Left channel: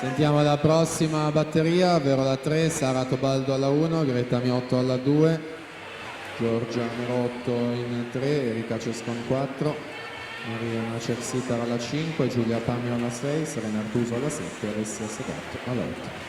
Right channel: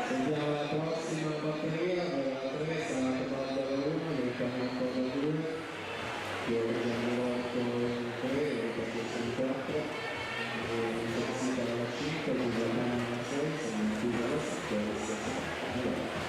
Sentiamo la prossima batteria, ovvero la 3, Sara Tobaldo alla 1, Greta Miotto alla 2, Giorgia Miotto in 3, Erika Cescon 4, Maria Cersitara alla 5, Giulia Pagno alla 6, Serena Artuso alla 7 e Alessia Segato alla 8.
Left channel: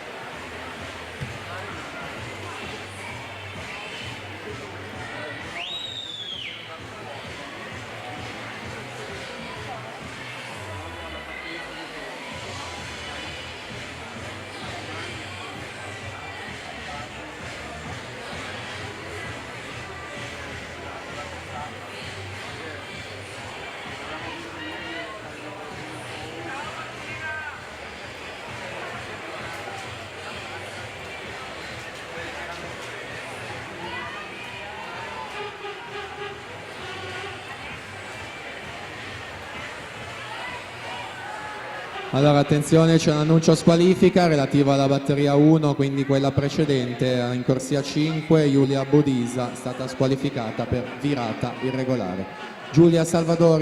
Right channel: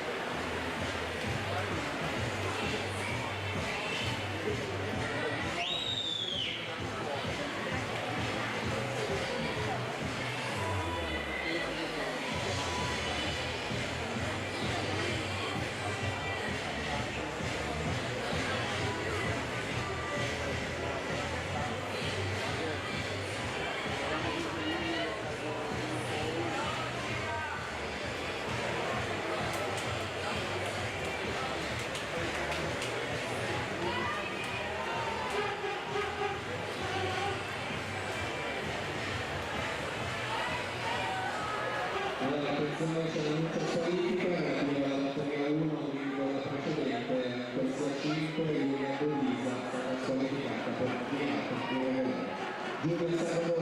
Allora attenzione, c'è un annuncio squalifica relativo alla batteria 1, quindi quella precedente, in corsia 5, Giulia Bodisa è stata squalificata per virata irregolare. Giulia Salvadori